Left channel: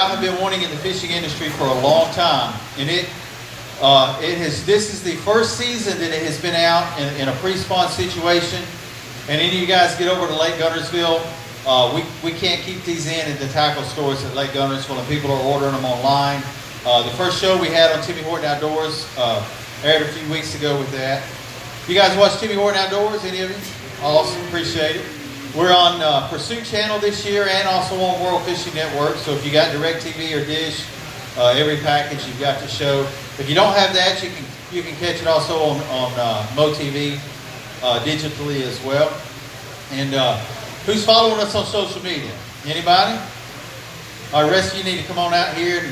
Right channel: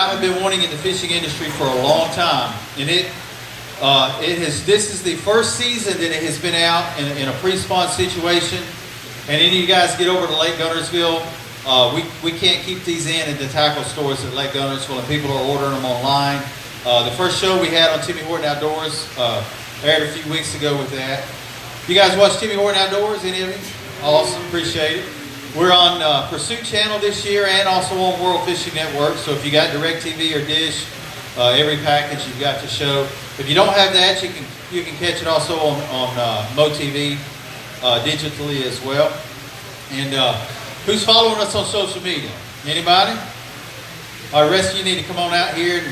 I have been wanting in the fishing industry for a long time, and this is the first season that it has been out in a pre-spawn situation. And any of you guys get over to Lake Guntersville, we can't keep these in the tackle stores at Lake Guntersville, and people are ordering them online. The first show we had on Timmy Horton Outdoors aired a few weeks ago with that. You guys watch Timmy Horton Outdoors, any of you? Awesome, appreciate it. We're on Pursuit Channel this year and also on World Fishing Network. So if you got DirecTV or Dish, every package you've got to show. If you don't have that, you can catch it also on MoTV digitally as well. And who's following us on social media? Anybody? All right, the rest of you need to come on out here.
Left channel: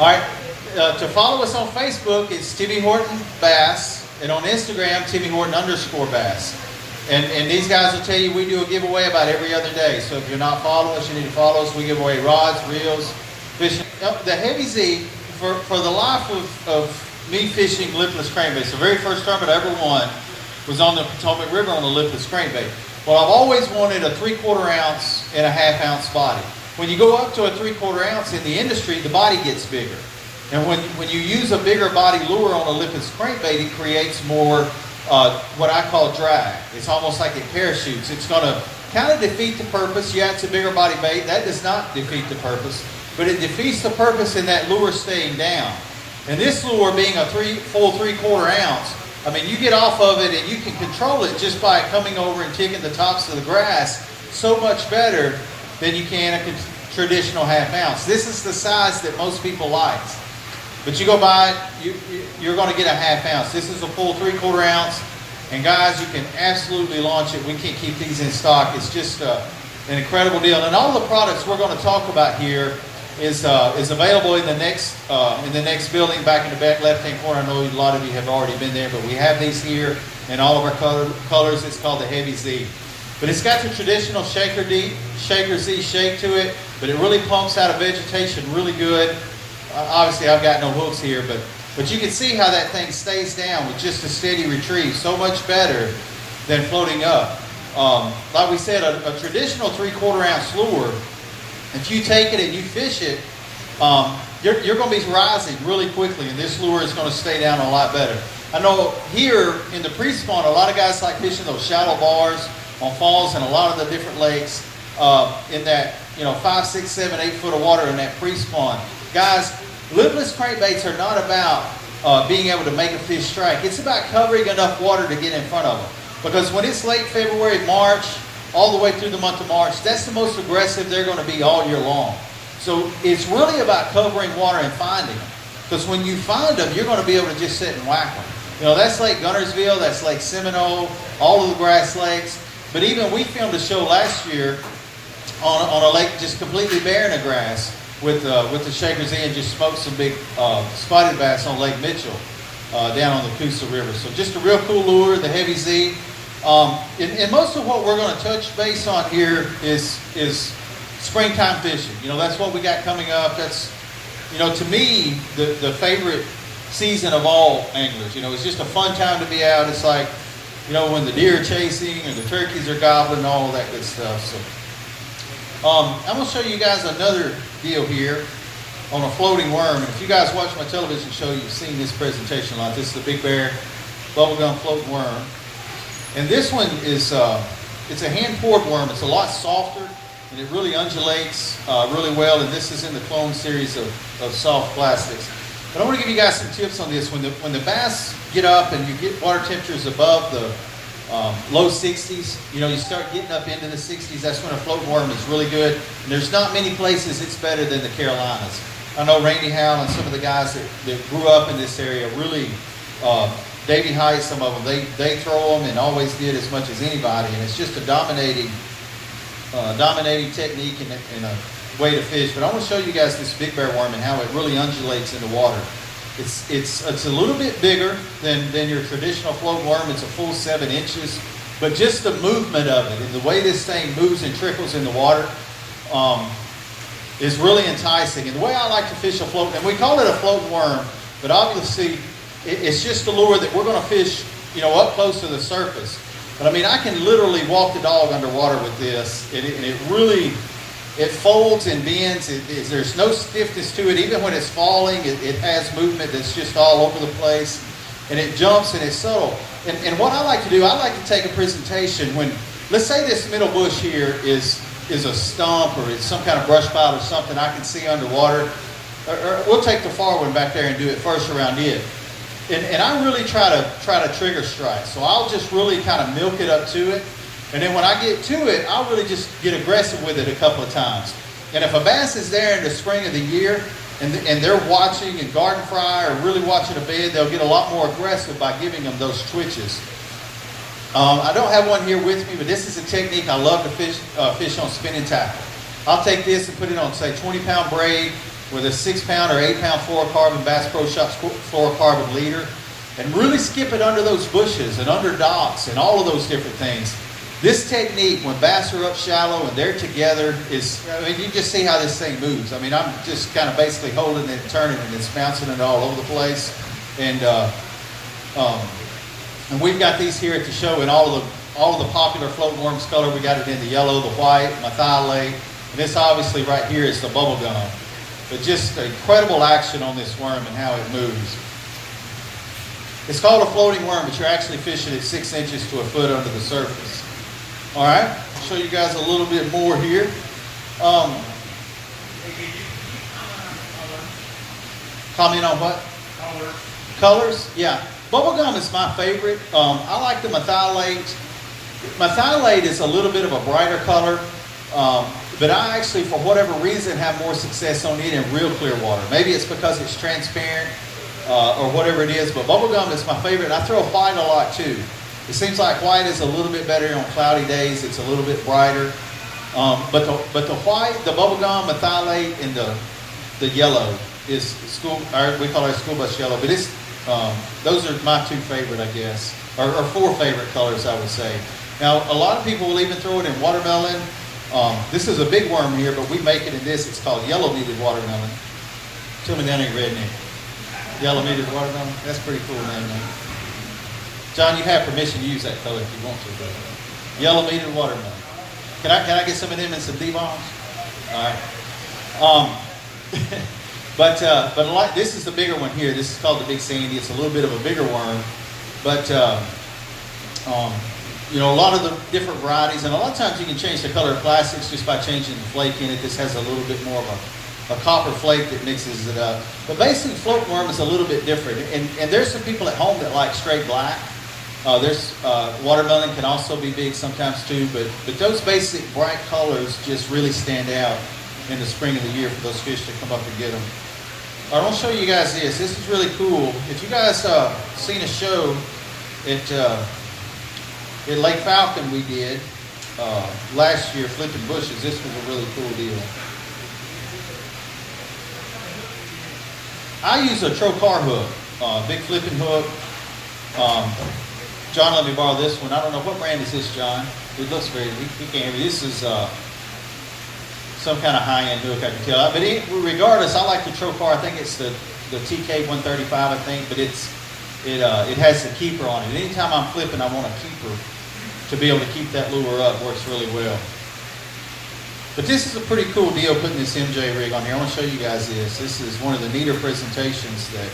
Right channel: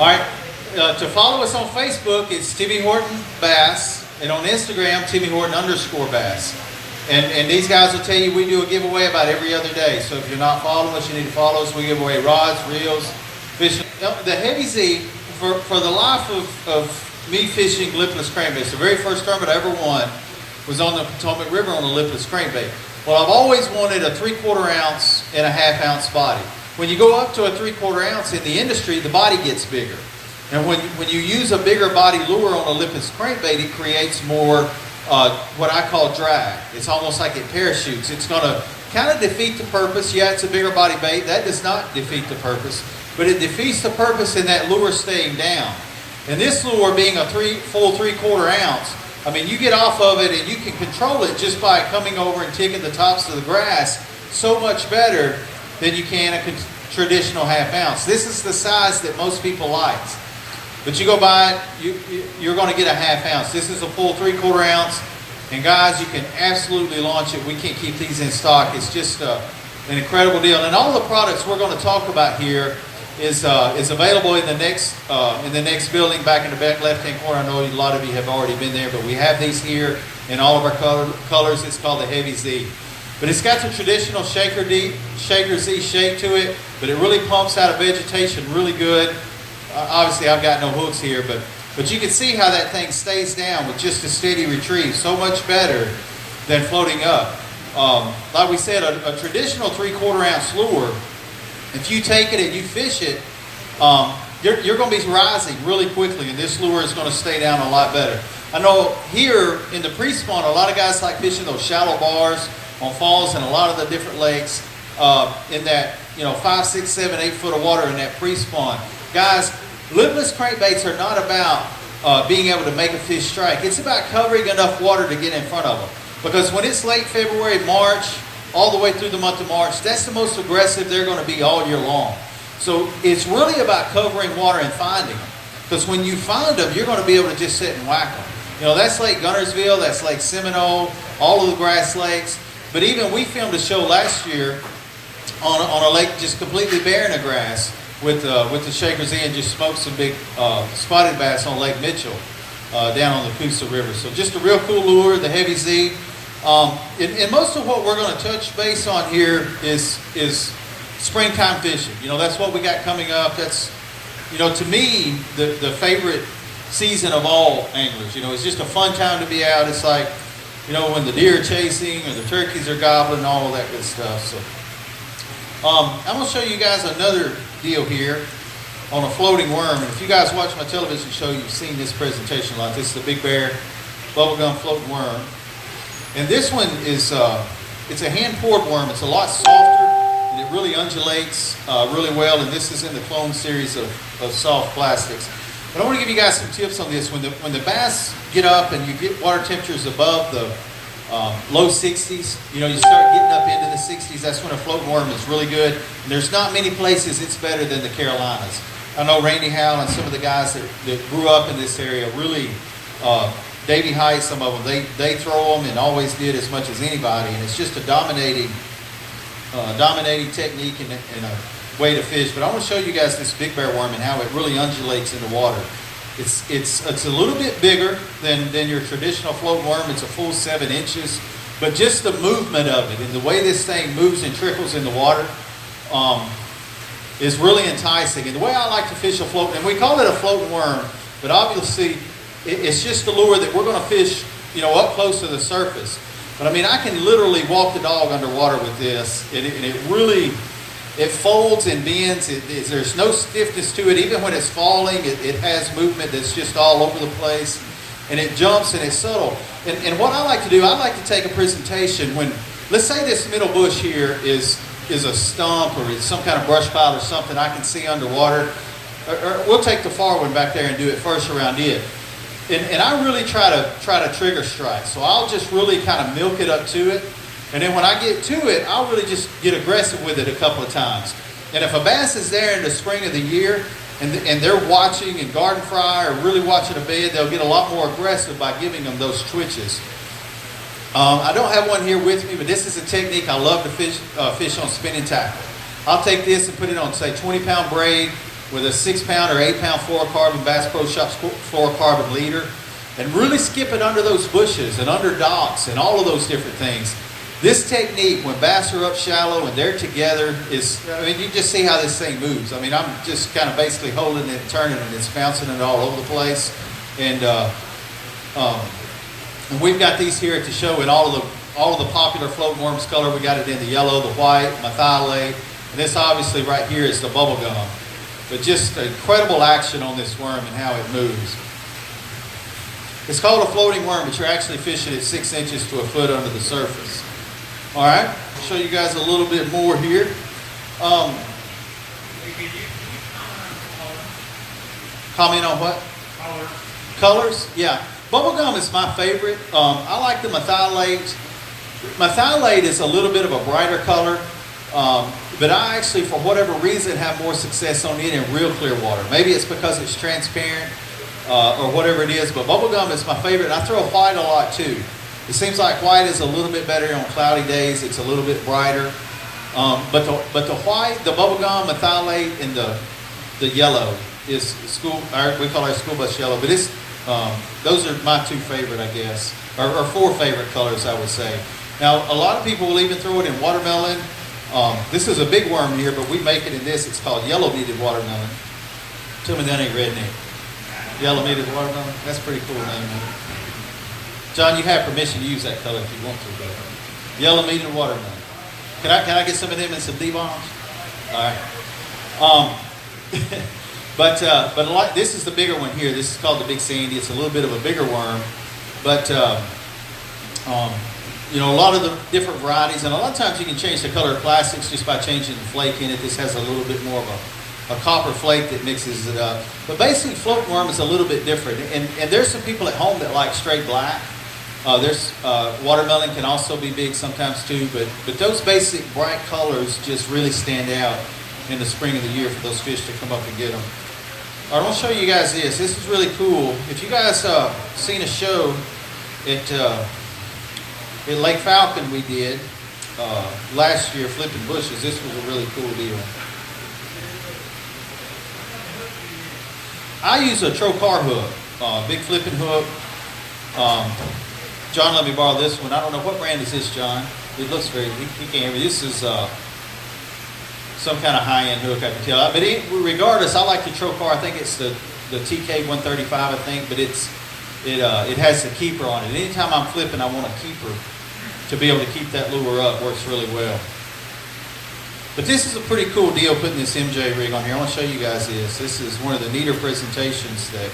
All right, to follow us on Facebook, it's Timmy Horton Bass, and on Instagram, Timmy Horton _Bass. And these guys will tell you we do a giveaway about every other day. So if you're not following us, you need to follow us. We give away rods, reels, fishing. The Heavy Z, for the life of me fishing lipless crankbait, the very first tournament I ever won was on the Potomac River on the lipless crankbait. Well, I've always wanted a 3/4 ounce and a 1/2 ounce body. When you go up to a 3/4 ounce in the industry, the body gets bigger. And when you use a bigger body lure on a lipless crankbait, it creates more what I call drag. It's almost like it parachutes. It's going to kind of defeat the purpose. Yeah, it's a bigger body bait. That does not defeat the purpose. But it defeats the purpose in that lure staying down. And this lure being a full 3/4 ounce, I mean, you get off of it and you can control it just by coming over and taking the tops of the grass so much better than you can a traditional 1/2 ounce. This is the size that most people like. But you go buy it, you're going to get a 1/2 ounce. This is a full 3/4 ounce. And guys, you can absolutely launch it. We can't keep these in stock. It's just an incredible deal. And all the products we're going to talk about here is available in the next building back in the back left-hand corner. I know a lot of you have already been there, but we have these here in all of our colors. It's called the Heavy Z. But it's got the traditional Shaker Z shake to it, but it really pumps out of vegetation really good. Obviously, I've got no hooks here, but you can see how that thing stays down with just a steady retrieve. So much better than floating up. Like we said, a traditional 3/4 ounce lure, if you take it and you fish it, you're going to be rising really quickly, and this lure is going to stay down a lot better. I know here in the pre-spawn, a lot of guys like fishing those shallow bars on falls and a lot of the different lakes in that 5, 6, 7, 8 foot of water in that pre-spawn. Guys, lipless crankbaits are not about being able to make a fish strike. It's about covering enough water to get in front of them. Because when it's late February, March, all the way through the month of March, that's the most aggressive they're going to be all year long. So it's really about covering water and finding them. Because when you find them, you're going to be able to just sit and whack them. That's Lake Guntersville, that's Lake Seminole, all of the grass lakes. But even we filmed a show last year on a lake just completely barren of grass with the Shaker Z and just smoked some big spotted bass on Lake Mitchell down on the Coosa River. So just a real cool lure, the Heavy Z. And most of what we're going to touch base on here is springtime fishing. That's what we got coming up. That's, to me, the favorite season of all anglers. It's just a fun time to be out. It's like, when the deer are chasing or the turkeys are gobbling, all of that good stuff. So I'm going to show you guys another deal here on a floating worm. And if you guys watch my television show, you've seen this presentation a lot. This is the Big Bear bubblegum floating worm. And this one is, it's a hand-poured worm. It's a lot softer, and it really undulates really well. And this is in the clone series of soft plastics. But I want to give you guys some tips on this. When the bass get up and you get water temperatures above the low 60s, you start getting up into the 60s, that's when a floating worm is really good. And there's not many places it's better than the Carolinas. I know Randy Howell and some of the guys that grew up in this area really, Davey Height, some of them, they throw them and always did as much as anybody. And it's just a dominating technique and a way to fish. But I want to show you guys this Big Bear worm and how it really undulates in the water. It's a little bit bigger than your traditional floating worm. It's a full 7 inches. But just the movement of it and the way this thing moves and trickles in the water is really enticing. And the way I like to fish a floating, and we call it a floating worm, but obviously it's just a lure that we're going to fish, up close to the surface. But I mean, I can literally walk the dog underwater with this, and it really It folds and bends. There's no stiffness to it. Even when it's falling, it has movement that's just all over the place. And it jumps and it's subtle. And what I like to do, I like to take a presentation when, let's say this middle bush here is a stump or it's some kind of brush pile or something I can see underwater. Or we'll take the far one back there and do it first around it. And I really try to trigger strike. So I'll just really kind of milk it up to it. And then when I get to it, I'll really just get aggressive with it a couple of times. And if a bass is there in the spring of the year and they're watching and garden fry or really watching a bed, they'll get a lot more aggressive by giving them those twitches. I don't have one here with me, but this is a technique I love to fish on spinning tackle. I'll take this and put it on, say, 20-pound braid with a 6-pound or 8-pound fluorocarbon Bass Pro Shops fluorocarbon leader and really skip it under those bushes and under docks and all of those different things. This technique, when bass are up shallow and they're together, you just see how this thing moves. I mean, I'm just kind of basically holding it and turning it and it's bouncing it all over the place. And we've got these here at the show in all of the popular float worms color. We got it in the yellow, the white, methylate, and this obviously right here is the bubble gum. But just incredible action on this worm and how it moves. It's called a floating worm, but you're actually fishing at 6 inches to a foot under the surface. All right, I'll show you guys a little bit more here. Comment on what? Colors? Yeah. Bubblegum is my favorite. I like the methylate. Methylate is a little bit of a brighter color, but I actually, for whatever reason, have more success on it in real clear water. Maybe it's because it's transparent or whatever it is, but bubblegum is my favorite. I throw white a lot too. It seems like white is a little bit better on cloudy days. It's a little bit brighter. But the white, the bubblegum, methylate, and the yellow is we call it school bus yellow. But it's those are my two favorite, I guess, or four favorite colors, I would say. Now, a lot of people will even throw it in watermelon. This is a big worm here, but we make it in this. It's called yellow-meated watermelon. Tell me that ain't red name. Yellow-meated watermelon. That's pretty cool name, man. John, you have permission to use that color if you want to. But yellow-meated watermelon. Can I get some of them in some D-bombs? All right. But like this is the bigger one here. This is called the Big Sandy. It's a little bit of a bigger worm, but you know, a lot of the different varieties, and a lot of times you can change the color of plastics just by changing the flake in it. This has a little bit more of a copper flake that mixes it up. But basically, float worm is a little bit different, and there's some people at home that like straight black. Watermelon can also be big sometimes too, but those basic bright colors just really stand out in the spring of the year for those fish to come up and get them. I want to show you guys this. This is really cool. If you guys seen a show at Lake Falcon we did last year, flipping bushes, this was a really cool deal. I use a trocar hook, big flipping hook. John let me borrow this one. I don't know, what brand is this, John? It looks very, he can't hear me. This is some kind of high-end hook, I can tell. But regardless, I like the trocar. I think it's the TK 135, I think, but it has the keeper on it. Anytime I'm flipping, I want a keeper to be able to keep that lure up. Works really well. But this is a pretty cool deal, putting this MJ rig on here. I want to show you guys this. This is one of the neater presentations that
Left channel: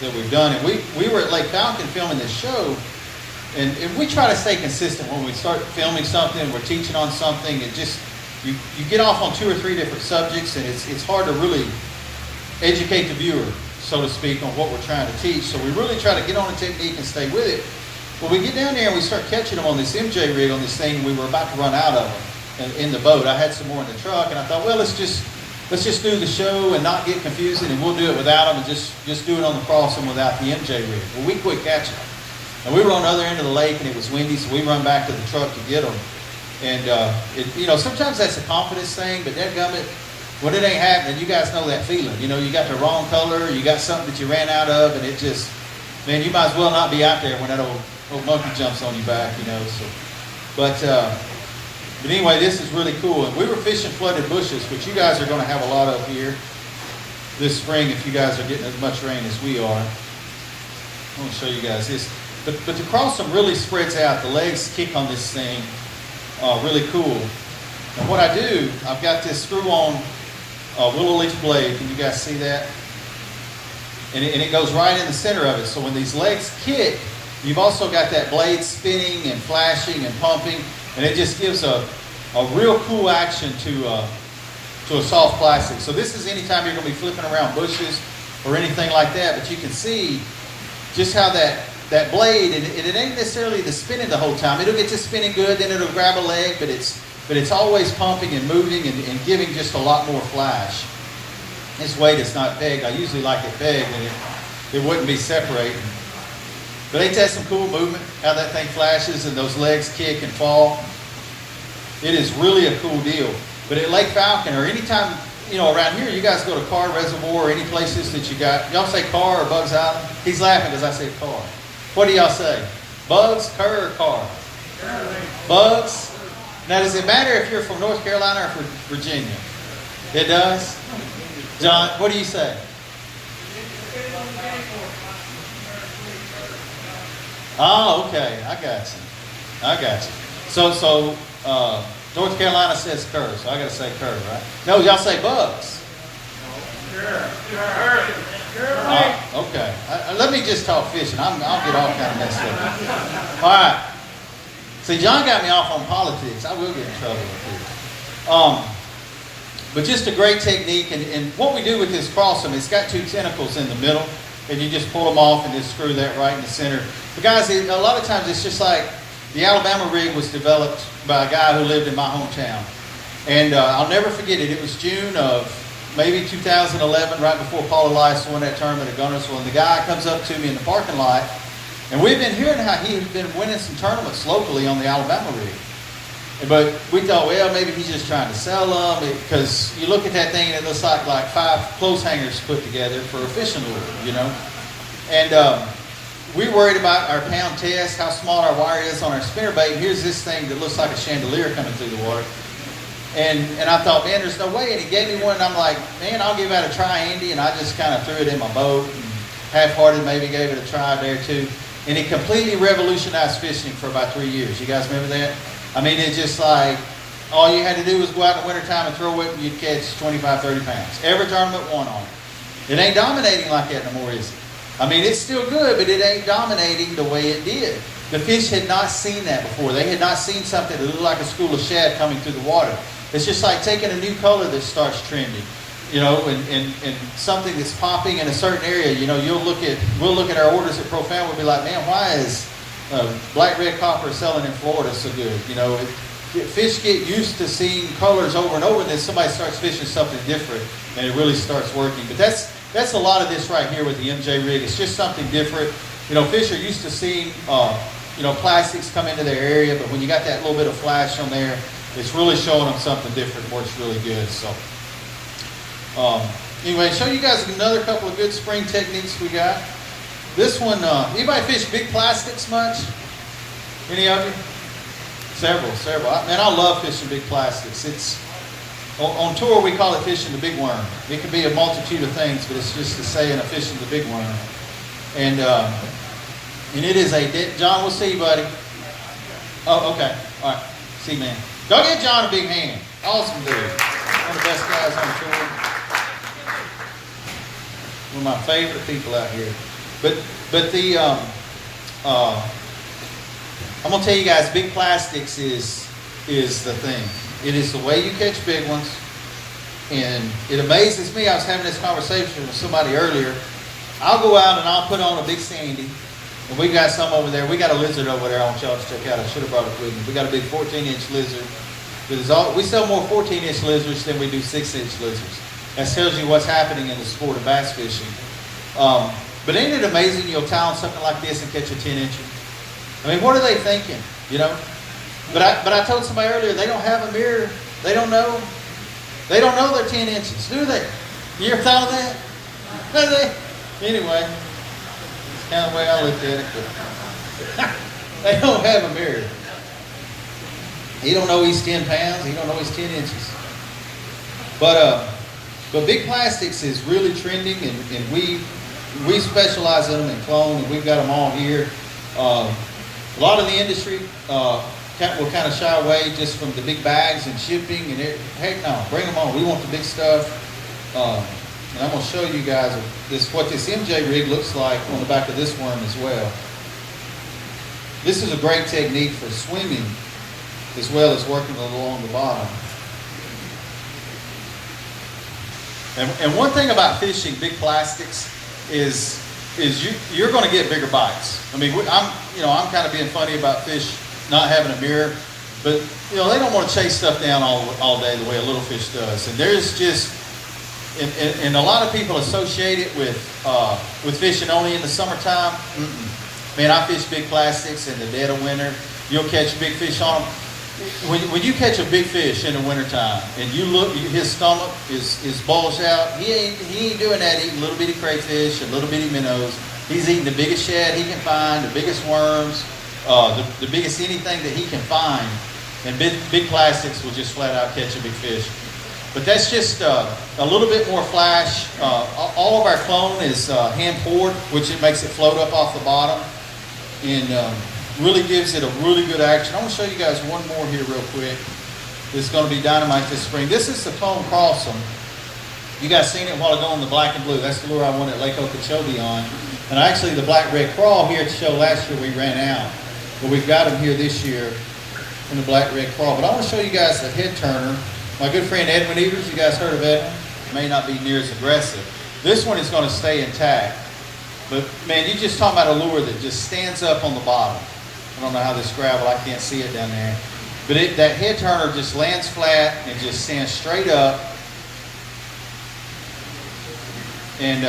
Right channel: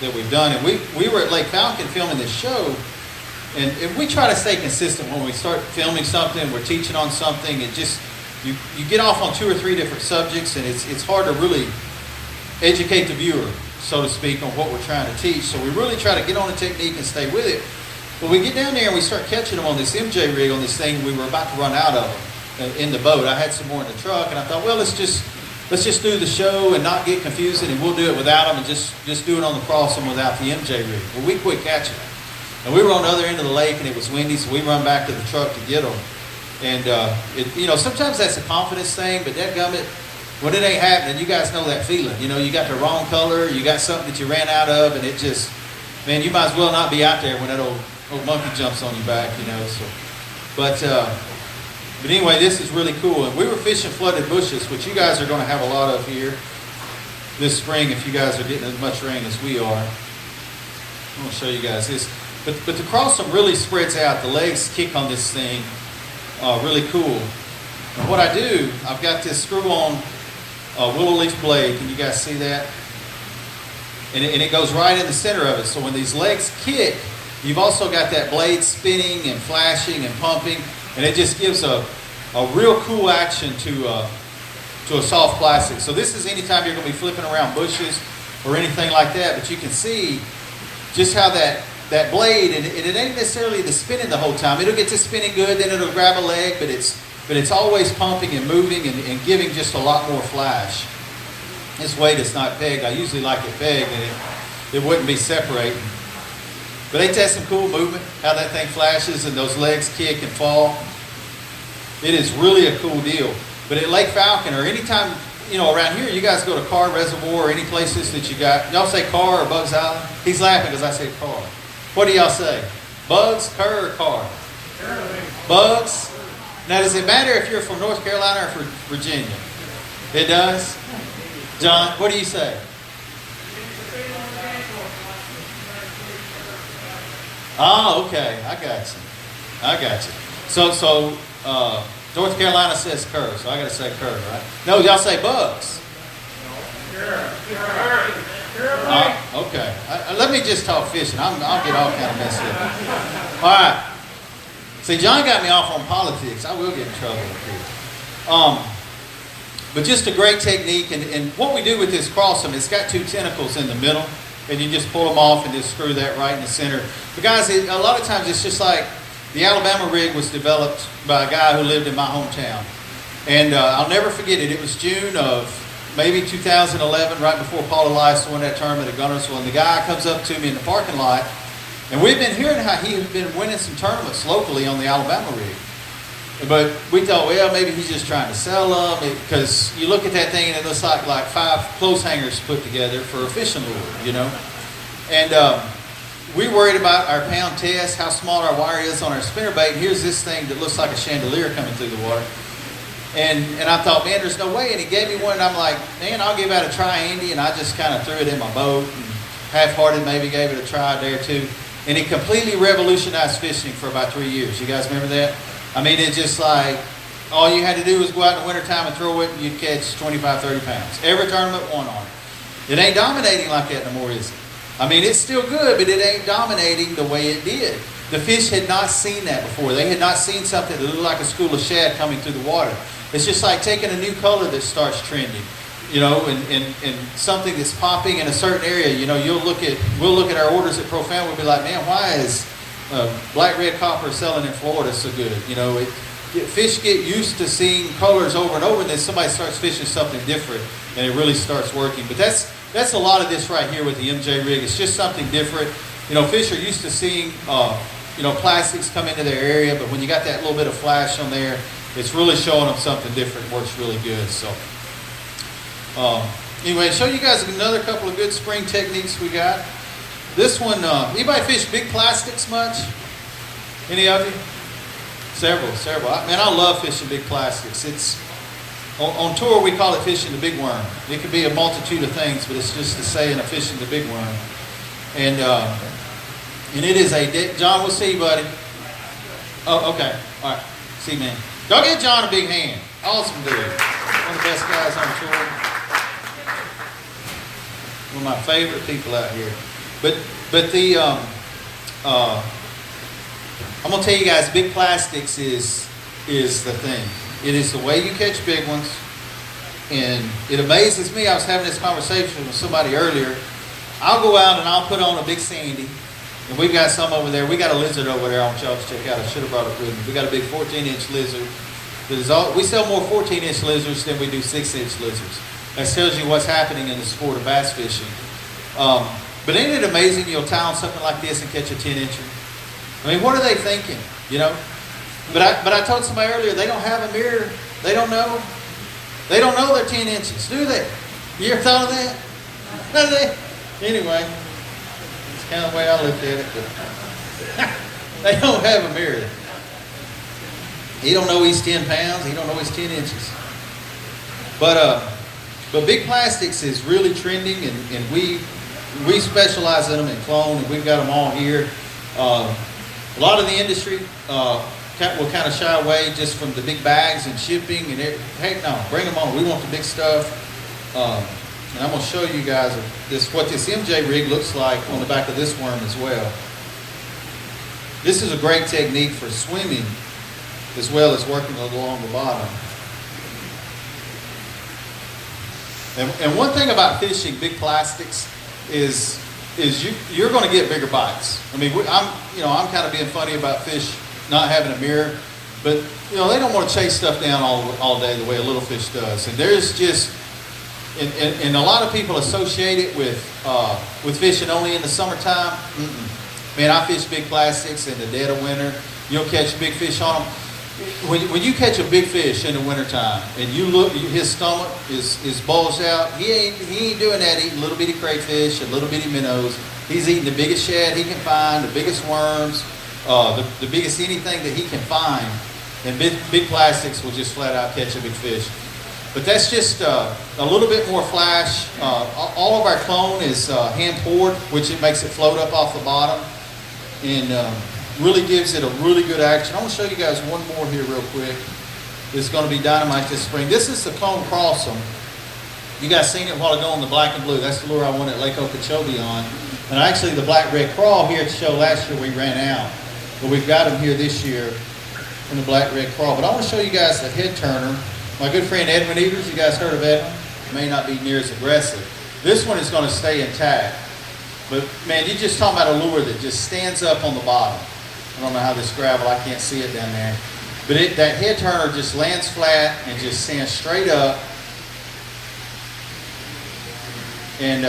we've done. And we were at Lake Falcon filming this show, and we try to stay consistent when we start filming something, we're teaching on something, and just you get off on 2 or 3 different subjects, and it's hard to really educate the viewer, so to speak, on what we're trying to teach. So we really try to get on the technique and stay with it. But we get down there and we start catching them on this MJ rig on this thing. We were about to run out of them in the boat. I had some more in the truck, and I thought, well, let's just do the show and not get confusing, and we'll do it without them, and just do it on the crossing without the MJ rig. Well, we quit catching them. And we were on the other end of the lake, and it was windy, so we run back to the truck to get them. And, you know, sometimes that's a confidence thing, but dadgummit, when it ain't happening, you guys know that feeling. You know, you got the wrong color, you got something that you ran out of, and it just, man, you might as well not be out there when that old monkey jumps on your back, you know. So, but anyway, this is really cool. And we were fishing flooded bushes, which you guys are going to have a lot of here this spring if you guys are getting as much rain as we are. I'm going to show you guys this. But the crossum really spreads out. The legs kick on this thing really cool. And what I do, I've got this screw-on willow leaf blade. Can you guys see that? And it goes right in the center of it. So when these legs kick, you've also got that blade spinning and flashing and pumping, and it just gives a real cool action to a soft plastic. So this is anytime you're going to be flipping around bushes or anything like that, but you can see just how that blade, and it ain't necessarily the spinning the whole time. It'll get to spinning good, then it'll grab a leg, but it's always pumping and moving and giving just a lot more flash. This weight is not pegged. I usually like it pegged, and it wouldn't be separating. But ain't that some cool movement? How that thing flashes and those legs kick and fall. It is really a cool deal. But at Lake Falcon, or anytime, around here, you guys go to Carr Reservoir or any places that you got. Y'all say Carr or Bugs Island? He's laughing as I say Carr. What do y'all say? Bugs, Kerr, or Carr? Bugs? Now, does it matter if you're from North Carolina or from Virginia? It does? John, what do you say? Oh, okay. I got you. So North Carolina says Kerr, so I got to say Kerr, right? No, y'all say Bugs. Okay. Let me just talk fishing. I'll get off kind of messed up. All right. See, John got me off on politics. I will get in trouble with it. But just a great technique. And what we do with this crossum, it's got two tentacles in the middle. And you just pull them off and just screw that right in the center. But guys, a lot of times it's just like the Alabama rig was developed by a guy who lived in my hometown. And I'll never forget it. It was June of maybe 2011, right before Paul Elias won that tournament at Gunnersville. And the guy comes up to me in the parking lot. And we've been hearing how he had been winning some tournaments locally on the Alabama rig. But we thought, well, maybe he's just trying to sell them, because you look at that thing and it looks like 5 clothes hangers put together for a fishing lure, And we worried about our pound test, how small our wire is on our spinnerbait. And here's this thing that looks like a chandelier coming through the water. And I thought, man, there's no way. And he gave me one, and I'm like, man, I'll give that a try, Andy. And I just kind of threw it in my boat, and half-hearted maybe gave it a try there too. And it completely revolutionized fishing for about 3 years. You guys remember that? I mean, it's just like, all you had to do was go out in the wintertime and throw it, and you'd catch 25, 30 pounds. Every tournament won on it. It ain't dominating like that no more, is it? I mean, it's still good, but it ain't dominating the way it did. The fish had not seen that before. They had not seen something that looked like a school of shad coming through the water. It's just like taking a new color that starts trending, and something that's popping in a certain area. We'll look at our orders at Profan, we'll be like, man, why is black red copper selling in Florida so good? Fish get used to seeing colors over and over, and then somebody starts fishing something different, and it really starts working. But that's a lot of this right here with the MJ rig. It's just something different. Fish are used to seeing plastics come into their area, but when you got that little bit of flash on there, it's really showing them something different. Works really good. So anyway, show you guys another couple of good spring techniques we got. This one, anybody fish big plastics much? Any of you? Several. Man, I love fishing big plastics. It's on tour we call it fishing the big worm. It can be a multitude of things, but it's just the saying of fishing the big worm. And it is John, we'll see you, buddy. Oh, okay. All right. See you, man. Go get John a big hand. Awesome dude. One of the best guys on tour. One of my favorite people out here. But the I'm gonna tell you guys, big plastics is the thing. It is the way you catch big ones, and it amazes me. I was having this conversation with somebody earlier. I'll go out and I'll put on a big sandy, and we've got some over there. We got a lizard over there. I want y'all to check out. I should have brought it with me. We got a big 14-inch lizard. We sell more 14-inch lizards than we do 6-inch lizards. That tells you what's happening in the sport of bass fishing. But ain't it amazing you'll tie on something like this and catch a 10-incher? I mean, what are they thinking, But I told somebody earlier, they don't have a mirror. They don't know. They don't know they're 10 inches, do they? You ever thought of that? No, they. Anyway, it's kind of the way I looked at it. But they don't have a mirror. He don't know he's 10 pounds. He don't know he's 10 inches. But big plastics is really trending, and we specialize in them in clone, and we've got them all here. A lot of the industry will kind of shy away just from the big bags and shipping and heck no, bring them on. We want the big stuff. And I'm going to show you guys what this MJ rig looks like on the back of this worm as well. This is a great technique for swimming as well as working along the bottom. And one thing about fishing big plastics is you're going to get bigger bites. I mean, I'm kind of being funny about fish not having a mirror, but they don't want to chase stuff down all day the way a little fish does. And there's just, and a lot of people associate it with fishing only in the summertime. Man, I fish big plastics in the dead of winter. You'll catch big fish on them. When you catch a big fish in the wintertime and you look, his stomach is bulged out, he ain't doing that eating little bitty crayfish and little bitty minnows. He's eating the biggest shad he can find, the biggest worms, the biggest anything that he can find. And big plastics will just flat out catch a big fish. But that's just a little bit more flash. All of our clone is hand poured, which it makes it float up off the bottom. And really gives it a really good action. I'm going to show you guys one more here real quick. This is going to be dynamite this spring. This is the cone crossum. You guys seen it a while ago on the black and blue. That's the lure I won at Lake Okeechobee on. And actually the black red crawl here at the show last year we ran out. But we've got them here this year from the black red crawl. But I want to show you guys the head turner. My good friend Edwin Evers, you guys heard of Edwin? May not be near as aggressive. This one is going to stay intact. But man, you're just talking about a lure that just stands up on the bottom. I don't know how this gravel, I can't see it down there. But that head turner just lands flat and just stands straight up. And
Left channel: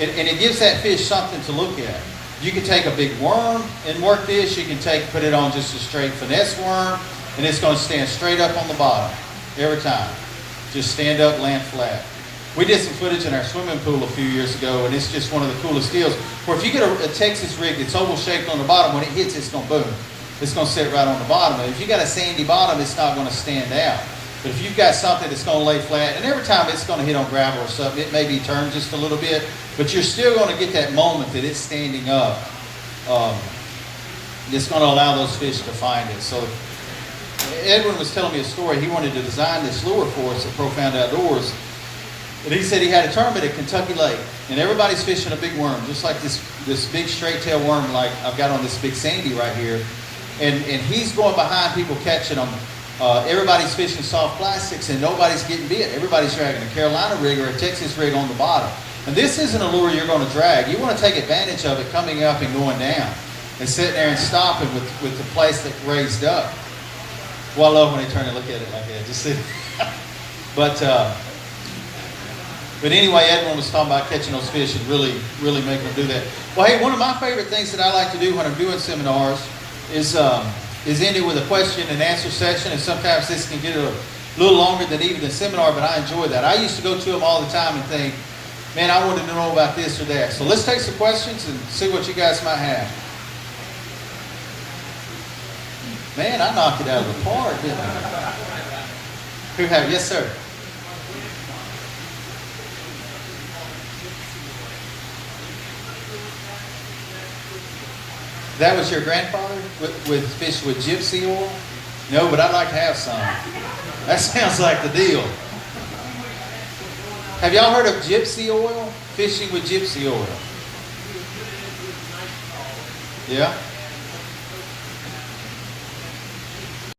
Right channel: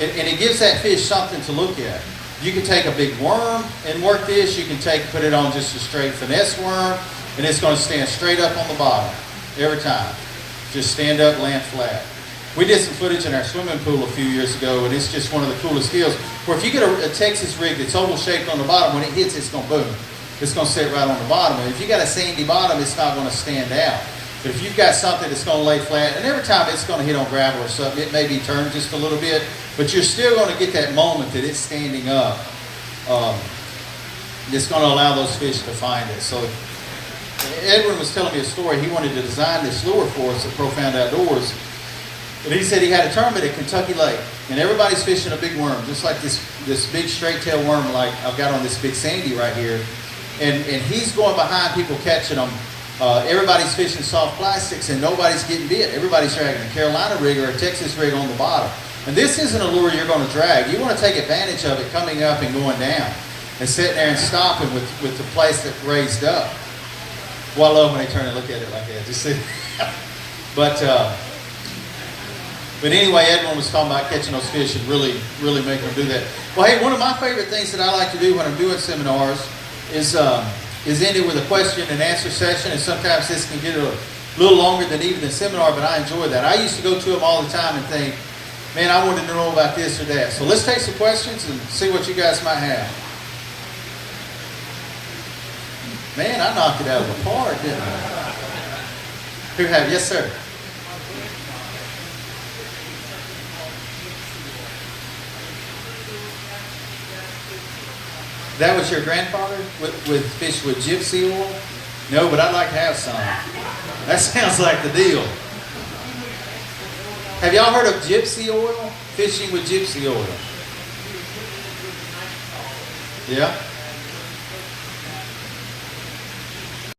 it gives that fish something to look at. You can take a big worm and work this. You can put it on just a straight finesse worm, and it's going to stand straight up on the bottom every time. Just stand up, land flat. We did some footage in our swimming pool a few years ago, and it's just one of the coolest deals. Where if you get a Texas rig that's oval shaped on the bottom, when it hits, it's going to boom. It's going to sit right on the bottom. And if you got a sandy bottom, it's not going to stand out. But if you've got something that's going to lay flat, and every time it's going to hit on gravel or something, it may be turned just a little bit, but you're still going to get that moment that it's standing up. It's going to allow those fish to find it. So Edwin was telling me a story. He wanted to design this lure for us at Profound Outdoors. And he said he had a tournament at Kentucky Lake, and everybody's fishing a big worm, just like this big straight tail worm like I've got on this big sandy right here. And he's going behind people catching them. Everybody's fishing soft plastics, and nobody's getting bit. Everybody's dragging a Carolina rig or a Texas rig on the bottom. And this isn't a lure you're going to drag. You want to take advantage of it coming up and going down, and sitting there and stopping with the place that's raised up. Well, I love when they turn and look at it like that. Just see. But anyway, Edwin was talking about catching those fish and really making them do that. Well, hey, one of my favorite things that I like to do when I'm doing seminars is end it with a question and answer session. And sometimes this can get a little longer than even a seminar, but I enjoy that. I used to go to them all the time and think, man, I wanted to know about this or that. So let's take some questions and see what you guys might have. Man, I knocked it out of the park, didn't I? Who have? Yes, sir. That was your grandfather with fish with gypsy oil? No, but I'd like to have some. That sounds like the deal. Have y'all heard of gypsy oil? Fishing with gypsy oil. Yeah?